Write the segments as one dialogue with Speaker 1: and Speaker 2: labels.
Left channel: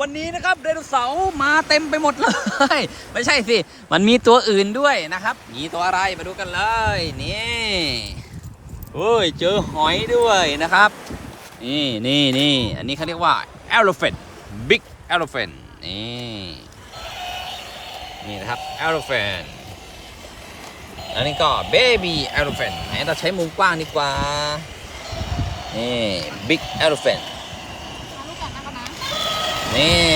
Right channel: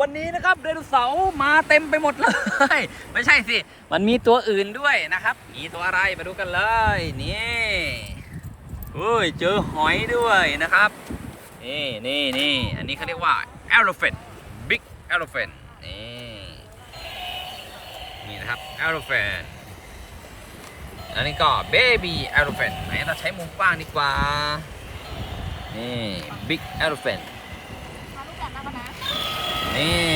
Speaker 1: วันนี้นะครับไดโนเสาร์มาเต็มไปหมดเลย ไม่ใช่สิ มันมีตัวอื่นด้วยนะครับ มีตัวอะไรมาดูกันเลย นี่เฮ้ยเจอหอยด้วยนะครับ นี่นี่นี่อันนี้เขาเรียกว่า elephant big elephant นี่นี่นะครับ elephant อันนี้ก็ baby elephant ไหนเราใช้มุมกว้างดีกว่า นี่ big elephant นี่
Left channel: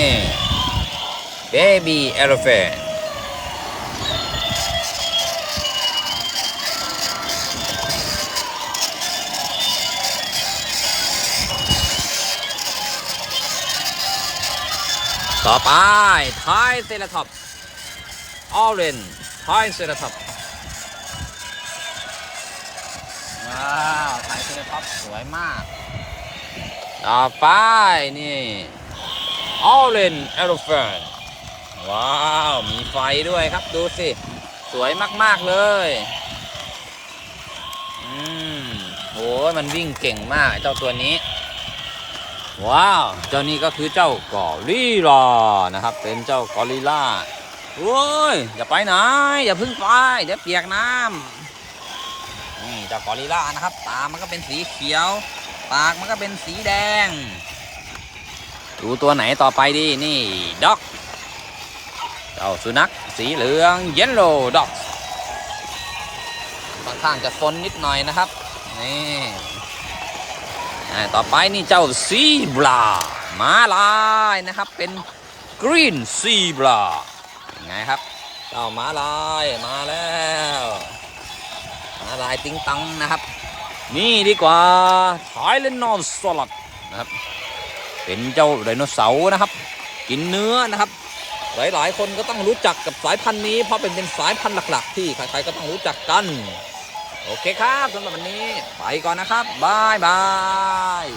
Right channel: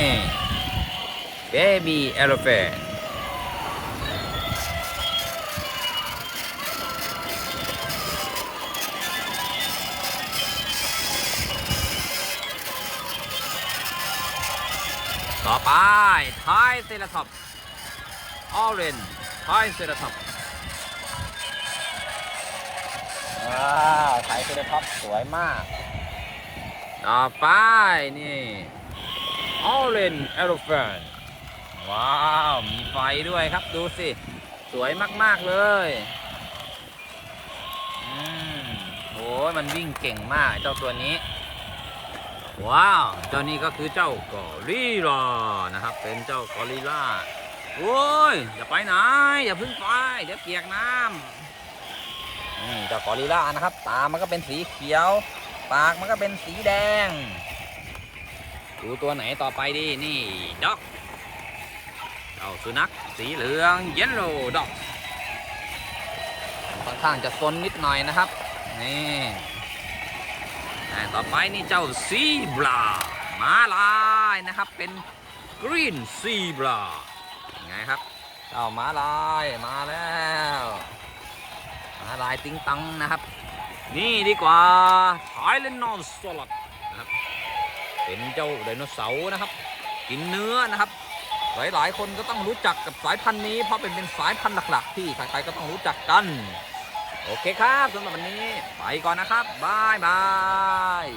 Speaker 1: baby elephant ต่อไปไทยเซราท็อปออเรนไทยเซราท็อปว้าวไทยเซราท็อปสวยมาก ต่อไปนี่ ออเรนเอลเฟนว้าว มีไฟด้วยครับดูสิ สวยมาก ๆ เลยอืมโหมันวิ่งเก่งมากเจ้าตัวนี้ ว้าว เจ้านี้ก็คือเจ้ากอริลลานะครับ เป็นเจ้ากอริลลาโอ้ย อย่าไปไหน อย่าพึ่งไปเดี๋ยวเปียกน้ำนี่เจ้ากอริลลานะครับ ตามันก็เป็นสีเขียว ปากมันก็เป็นสีแดง ดูตัวไหนต่อไปดีนี่ด็อกเจ้าสุนัขสีเหลืองเยลโล่ด็อกค่อนข้างจะซนนิดหน่อยนะครับนี่ต่อไปนี่เจ้าซีบรามาลายนะครับเป็นกรีนซีบราไงครับเจ้ามาลายมาแล้วมาลายติงตังนะครับ นี่ดีกว่าไทเลนอนสลัดนะครับ เป็นเจ้าไดโนเสาร์นะครับ กินเนื้อนะครับ หลายๆ คนก็ต้องรู้จักกับสายพันธุ์นี้ เพราะเป็นเป็นสายพันธุ์หลัก ๆ ที่ใครๆก็ต้องรู้จักกัน โอเคครับสำหรับวันนี้ไปก่อนนะครับบายบาย